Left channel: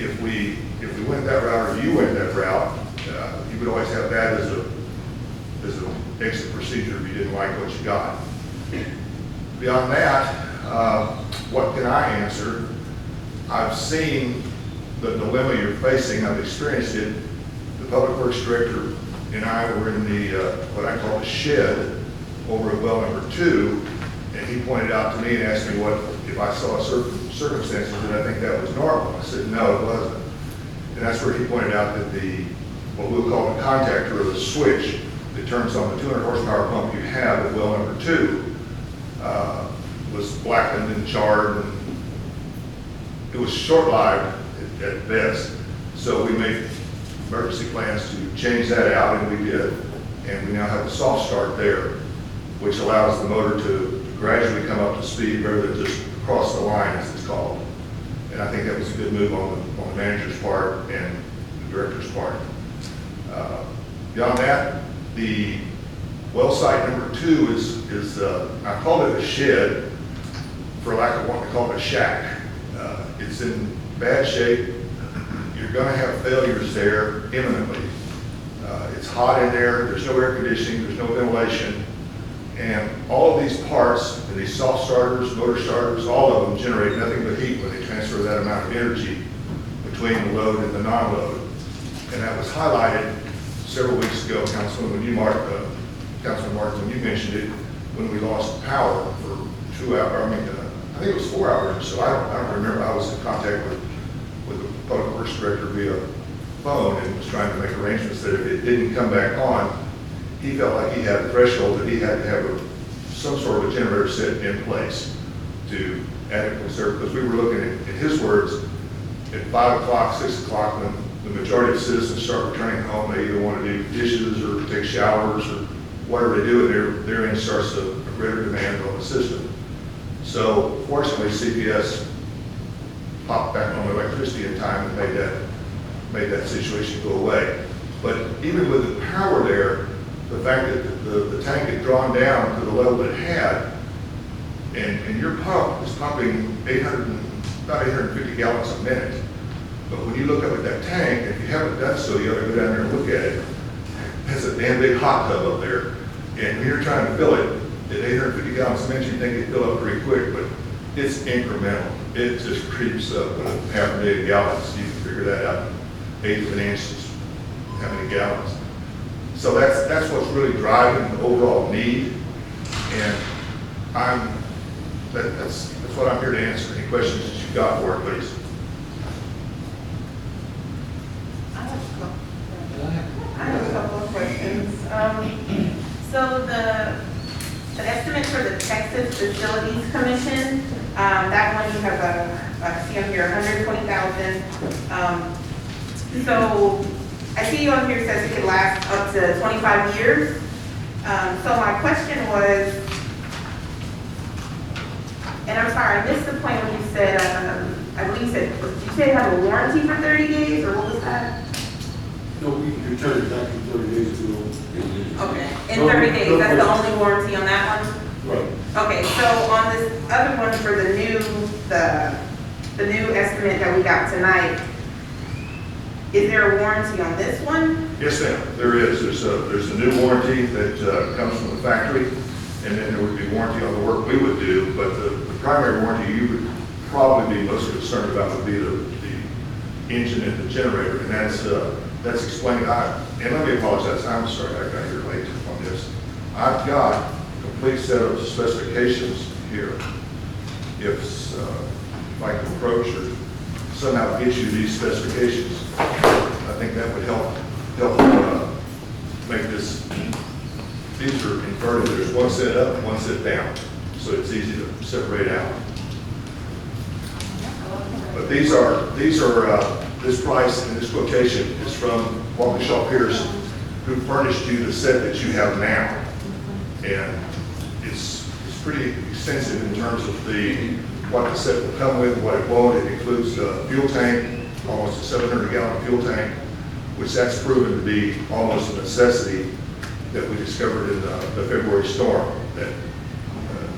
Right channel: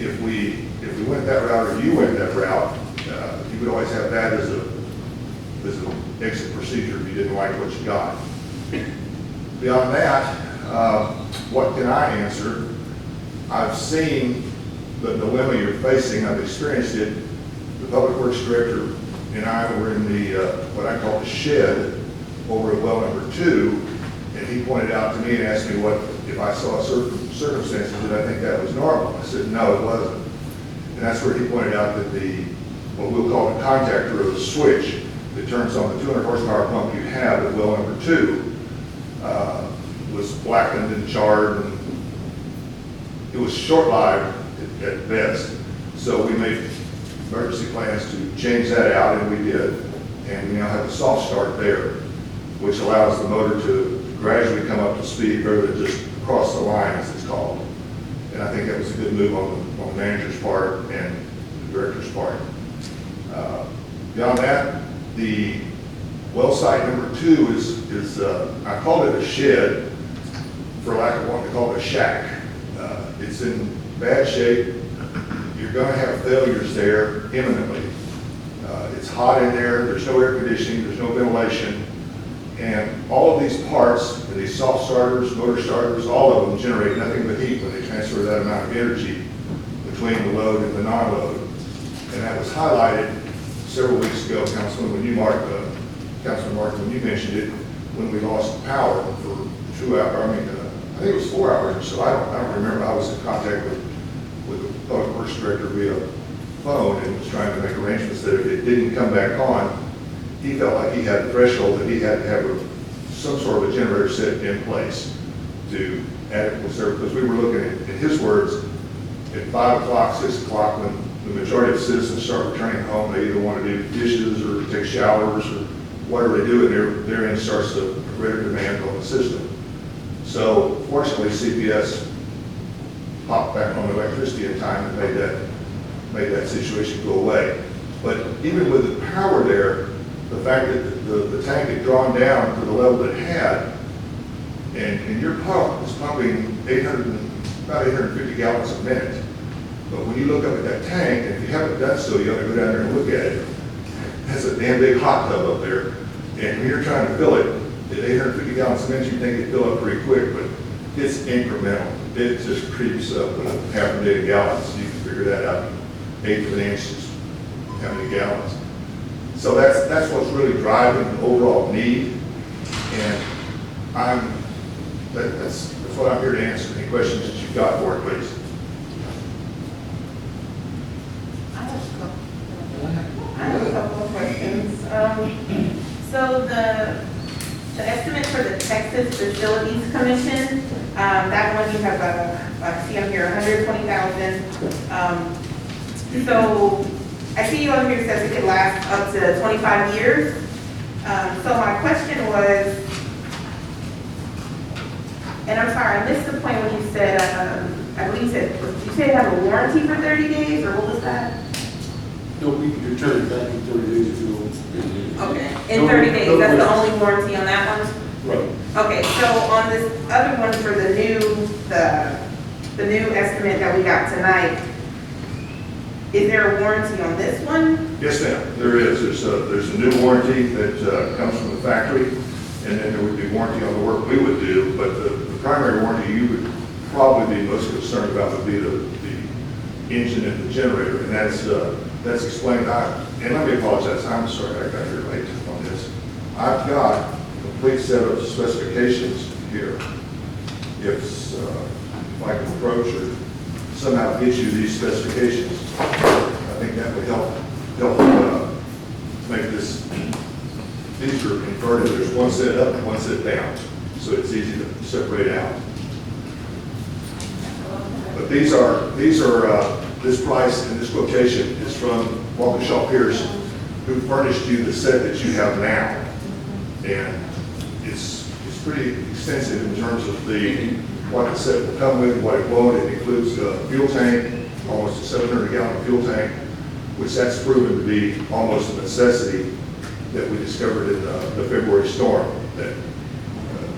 if we went that route or you went that route, you would always have that as an exit procedure if you didn't like what you got. Beyond that, what can I answer? I've seen the dilemma you're facing. I've experienced it. The Public Works Director and I were in the, what I call the shed over at well number 2, and he pointed out to me and asked me what, if I saw certain circumstances, did I think that was normal? I said, no, it wasn't. And that's where he pointed out that what we'll call the contactor or the switch that turns on the 200 horsepower pump you have at well number 2 was blackened and charred, and it was short-lived at best. So we made emergency plans to change that out, and we did. And we now have a soft start there, which allows the motor to gradually come up to speed rather than just cross the line, as it's called. And I think that was a good move on the manager's part and the director's part. Beyond that, the well site number 2 is I call it a shed for lack of what we call a shack. It's in bad shape. You're going to have failures there imminently. It's hot in there. There's no air conditioning. There's no ventilation. And all of these parts, and these soft starters, motor starters, all of them generate nothing but heat when they transfer that amount of energy between the load and the non-load. And that was highlighted several weeks ago, Councilman, when you Councilman Martin, when you mentioned it, when we lost power for 2 hours. I think it was 4 hours or so. I don't remember. I was in contact with the Public Works Director via phone and was trying to make arrangements that if it didn't come back on, he felt like he had a threshold that he had to have some sort of a generator set in place to adequately serve. Because we were looking at, in his words, at 5 o'clock, 6 o'clock, when the majority of citizens start returning home, they either want to do dishes or take showers or whatever they do, and therein starts a greater demand on the system. So fortunately, CPS popped back on electricity in time and made that situation go away. But even with the power there, the fact that the tank had drawn down to the level it had, and your pump is pumping about 850 gallons a minute. But when you look up at that tank, and if you haven't done so, you ought to go down there and look at it. It has a damn big hot tub up there. And when you're trying to fill it at 850 gallons a minute, you think it'd fill up pretty quick, but it's incremental. It just creeps up with half a million gallons. You can figure that out in 1/8 of an inch is how many gallons. So that's what's really driving the overall need. And that's what I'm here to answer. Any questions that you've got for it, please? I have a couple of questions. So the estimate for the Texas Facilities Commission, that one you have I see on here, 120,000. So I see you on here says it could last up to 25 years. So my question was, and I'm sorry, I missed the point when you said, I believe you said, did you say have a warranty for 30 days, or what was that? No, we can return it back in 30 days ago. Okay, in 30 days, that's the only warranty on that one? Right. Okay, so on this other one for the new estimate that we got tonight, is there a warranty on this one? Yes, ma'am. There is. There's a new warranty that comes from the factory, and then there would be warranty on the work we would do. But the primary warranty you would probably be most concerned about would be the engine and the generator, and that's explained. And let me apologize. I'm sorry I got here late on this. I've got a complete set of specifications here. If I can approach or somehow get you these specifications, I think that would help make this easier converted. There's one set up and one set down, so it's easy to separate out. But these are this price and this quotation is from Waukesha Pierce, who furnished you the set that you have now, and it's pretty extensive in terms of what the set will come with, what it won't. It includes a fuel tank, almost a 700-gallon fuel tank, which that's proven to be almost a necessity that we discovered in the February storm. That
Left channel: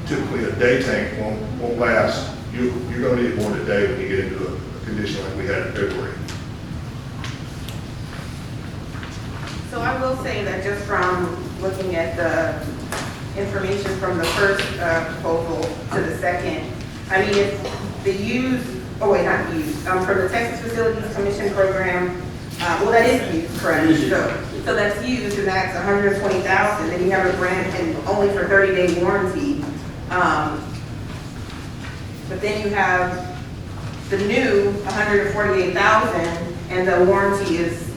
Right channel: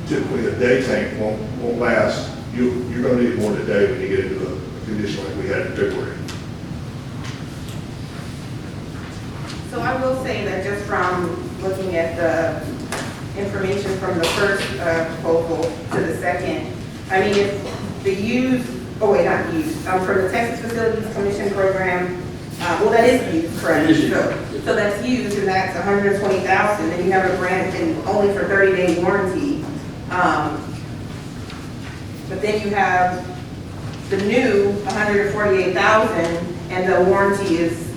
typically a day tank won't last. You're going to need more than a day when you get into a condition like we had in February. So I will say that just from looking at the information from the first proposal to the second, I mean, if the used, oh wait, not used, from the Texas Facilities Commission program, well, that is used, correct? It is used. So that's used, and that's 120,000, then you have a grant and only for 30-day warranty. But then you have the new 148,000, and the warranty is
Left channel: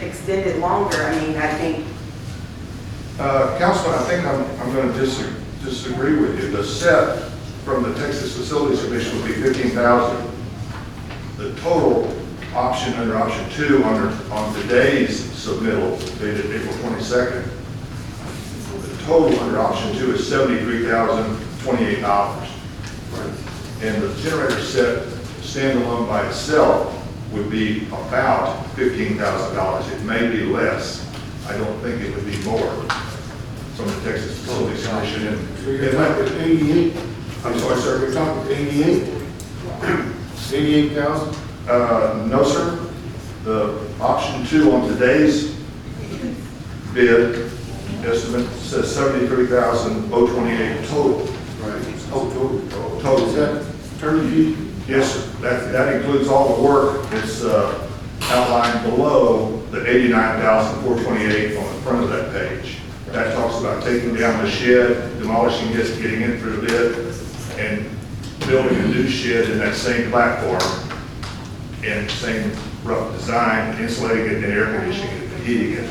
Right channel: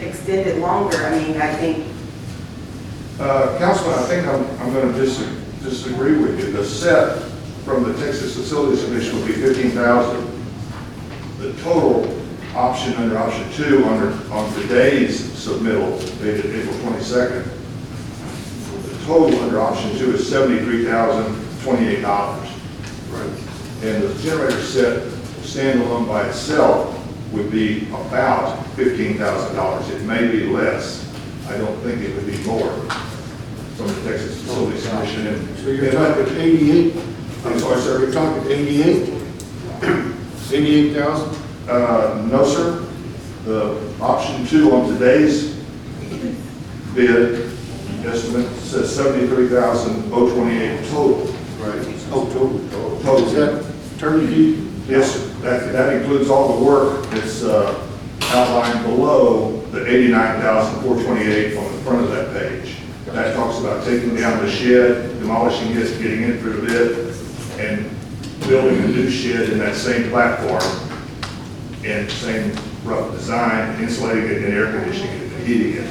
extended longer. I mean, I think. Councilman, I think I'm going to disagree with you. The set from the Texas Facilities Commission will be 15,000. The total option under option 2 on today's submittal dated April 22nd, the total under option 2 is $73,028. Right. And the generator set standalone by itself would be about $15,000. It may be less. I don't think it would be more from the Texas Facilities Commission. So you're talking 88? I'm sorry, sir. You're talking 88? 88,000? No, sir. The option 2 on today's bid estimate says $73,028 total. Right. Oh, total. Total. Is that turnkey? Yes, sir. That includes all the work that's outlined below the $89,428 on the front of that page. That talks about taking down the shed, demolishing it, getting it for the bid, and building a new shed in that same platform and same rough design, insulating it and air conditioning it and heating it.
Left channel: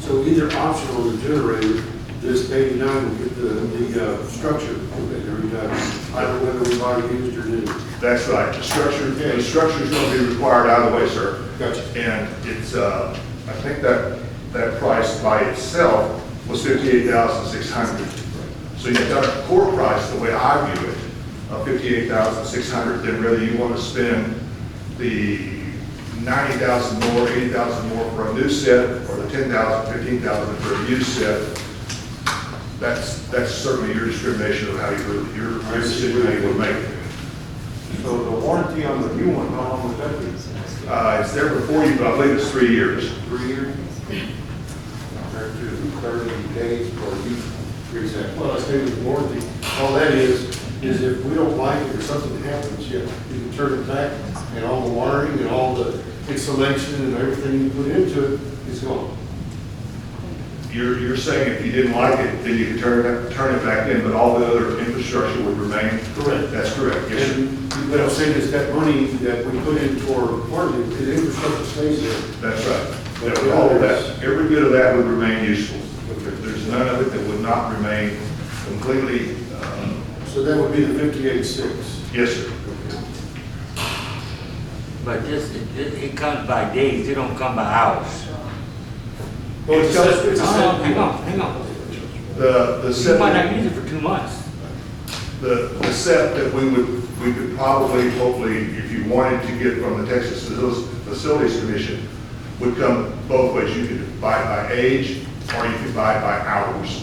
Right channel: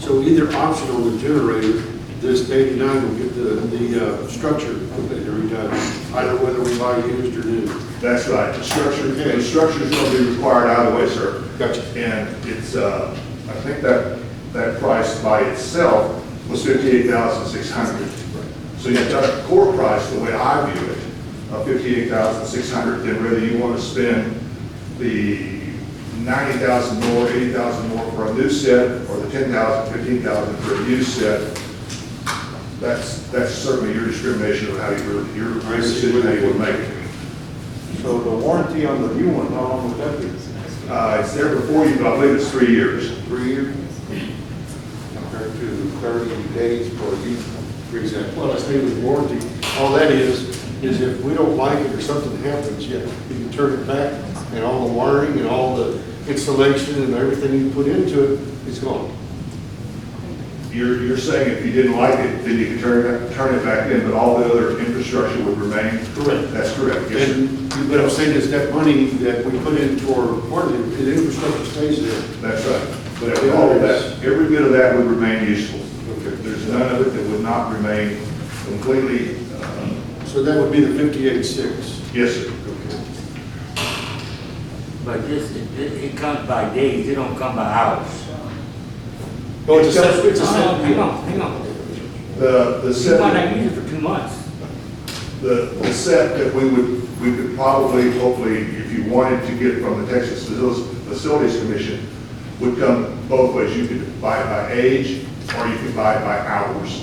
So either option on the generator, this 89 will get the structure completely redone, either whether we buy used or new. That's right. The structure's going to be required either way, sir. Gotcha. And it's, I think that price by itself was $58,600. So you have got a core price, the way I view it, of $58,600. Then whether you want to spend the $90,000 more, $80,000 more for a new set, or the $10,000, $15,000 for a used set, that's certainly your discrimination of how your decision how you would make it. So the warranty on the new one, how long would that be? It's there before you, but I believe it's 3 years. 3 years? Compared to 30 days for each. Exactly. Well, I stay with warranty. All that is if we don't like it or something happens, yeah, you can turn it back, and all the wiring and all the insulation and everything you put into it is gone. You're saying if you didn't like it, then you could turn it back in, but all the other infrastructure would remain? Correct. That's correct, yes, sir. And what I'm saying is that money that we put in toward warranty, the infrastructure stays there. That's right. But But the all of others- that, every bit of that would remain useful. Okay. There's none of it that would not remain completely, So that would be the 58.6. yes, sir. Okay. But it comes by days, it don't come by hours. Oh, it's a set deal. Hang on. The You set. might not use it for 2 months. The set that we could probably, hopefully, if you wanted to get from the Texas Facilities Commission, would come both ways. You could buy it by age, or you could buy it by hours.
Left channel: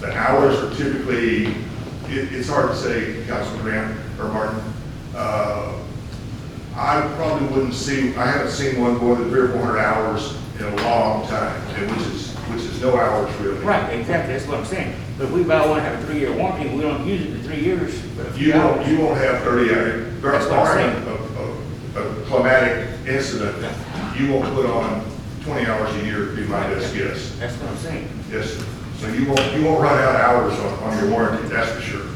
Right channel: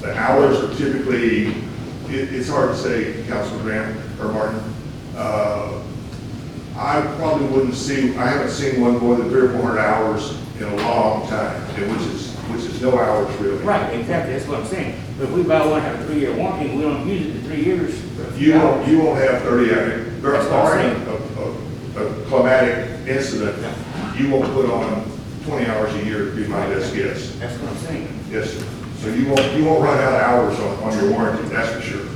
The hours are typically, it's hard to say, Councilman Graham or Martin. I probably wouldn't see, I haven't seen one more than 300 or 400 hours in a long time, and which is no hours really. Right, exactly, that's what I'm saying. But if we buy one, have a 3-year warranty, and we don't use it for 3 years. You won't have 30 hours. That's what I'm Barring saying. a climatic incident, you won't put on 20 hours a year, be my best guess. That's what I'm saying. Yes, sir. So you won't run out of hours on your warranty, that's for sure.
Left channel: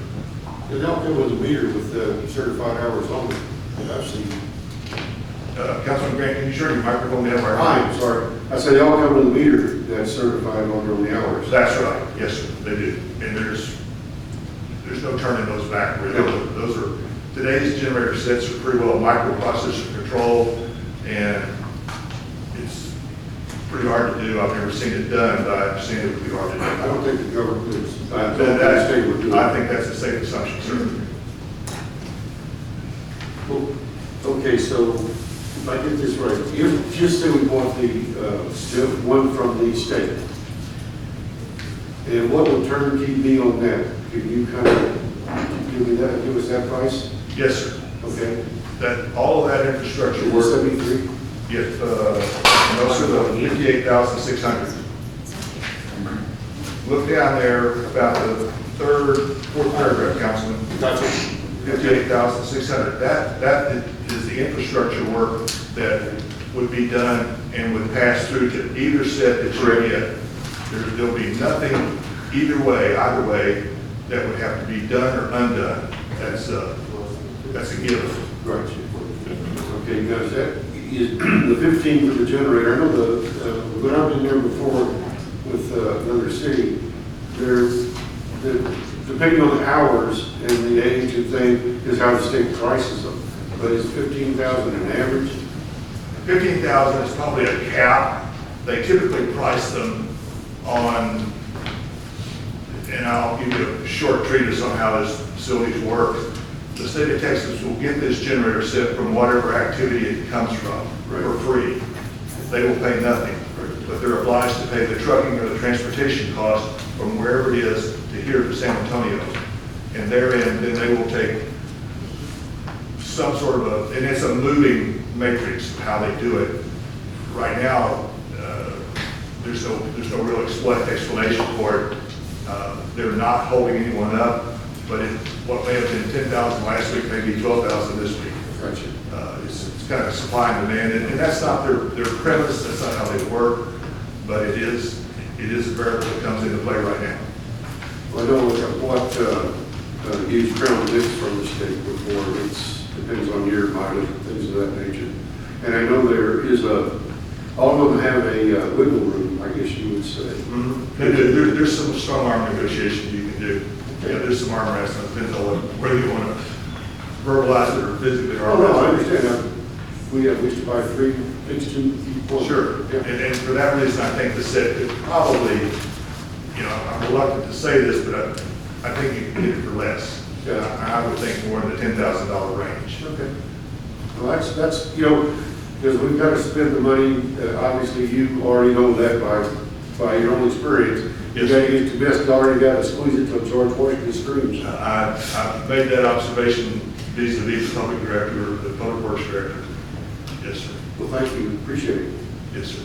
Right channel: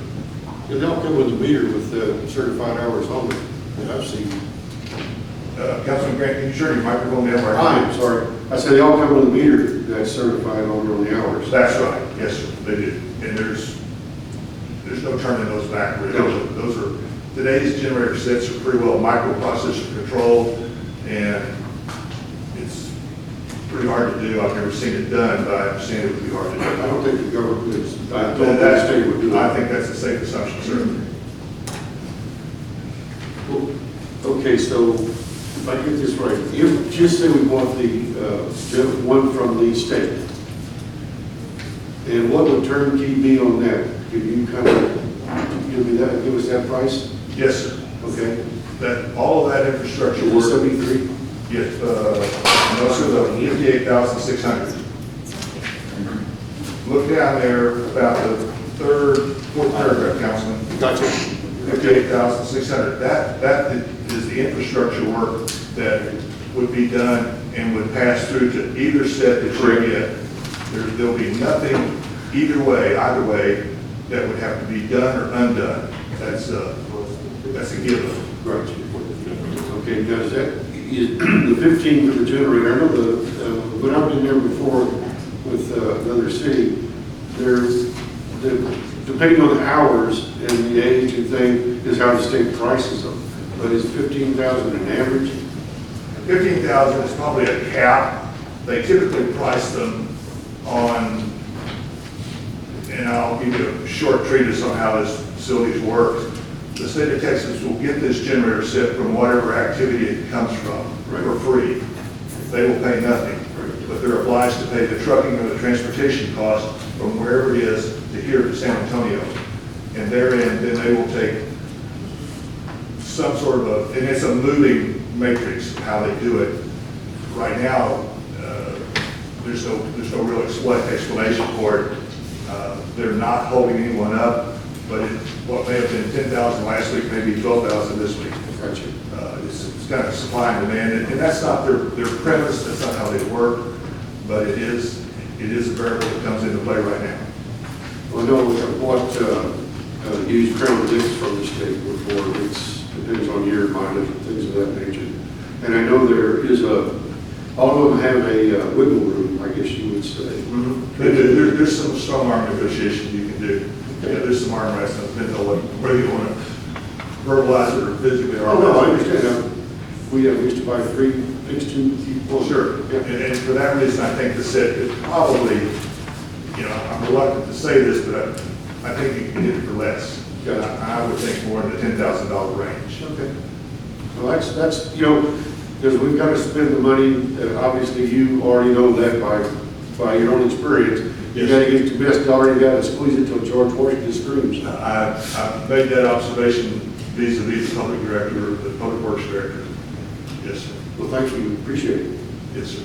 Yeah, they'll come with a meter with certified hours on it that I've seen. Councilman Grant, can you turn your microphone down? I'm sorry. I said they all come with a meter that's certified on the hours. That's right, yes, sir, they do. And there's no turning those back, really. Those are, today's generator sets are pretty well microprocessor controlled, and it's pretty hard to do. I've never seen it done, but I understand it would be hard to do. I don't think the government is, I That- don't think the state would do it. I think that's a safe assumption, sir. Okay, so if I get this right, just say we want the one from the state. And what would turnkey be on that? Could you kind of give us that price? Yes, sir. Okay. That, all of that infrastructure Is it work, 73? yes, no, sir, 58,600. Look down there about the fourth paragraph, Councilman. Gotcha. 58,600. That is the infrastructure work that would be done and would pass through to either set that you're in. There'll be nothing either way, that would have to be done or undone. That's a given. Right. Okay, now is that, is the 15 for the generator, I know when I've been there before with another city, depending on the hours and the age and thing, is how the state prices them. But is 15,000 an average? 15,000 is probably a cap. They typically price them on, and I'll give you a short treatise on how this facility works. The state of Texas will get this generator set from whatever activity it comes from for free. They will pay nothing, but they're obliged to pay the trucking or the transportation cost from wherever it is to here to San Antonio. And therein, then they will take some sort of and it's a moving matrix of how they do it. Right now, there's no real explanation for it. They're not holding anyone up, but what may have been 10,000 last week, maybe 12,000 this week. Gotcha. It's kind of supply and demand, and that's not their premise, that's not how they work, but it is a variable that comes into play right now. Well, I know what used Crown Vics from the state before, depends on year, mileage, and things of that nature. And I know there is all of them have a wiggle room, I guess you would say. There's some strong arm negotiation you can do. Okay. Yeah, there's some arm wrestling, depends on whether you want to verbalize it or physically. Oh, no, I understand. We used to buy 3 fixed 2 people. Sure, Yeah. and for that reason, I think the set could probably, I'm reluctant to say this, but I think you can get it for less. Yeah. I would think more in the $10,000 range. Okay. Well, that's because we've got to spend the money, obviously you already know that by your own experience. You Yes. got to get the best, you already got to squeeze it till George Washington screams. I've made that observation vis-a-vis the public director, the public works director. Yes, sir. Well, thank you, appreciate it. Yes, sir.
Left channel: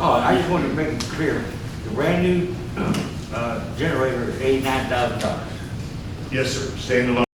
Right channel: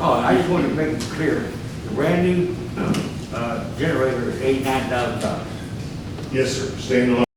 Oh, I just wanted to make it clear, the brand new generator is $89,000. Yes, sir. Standalone.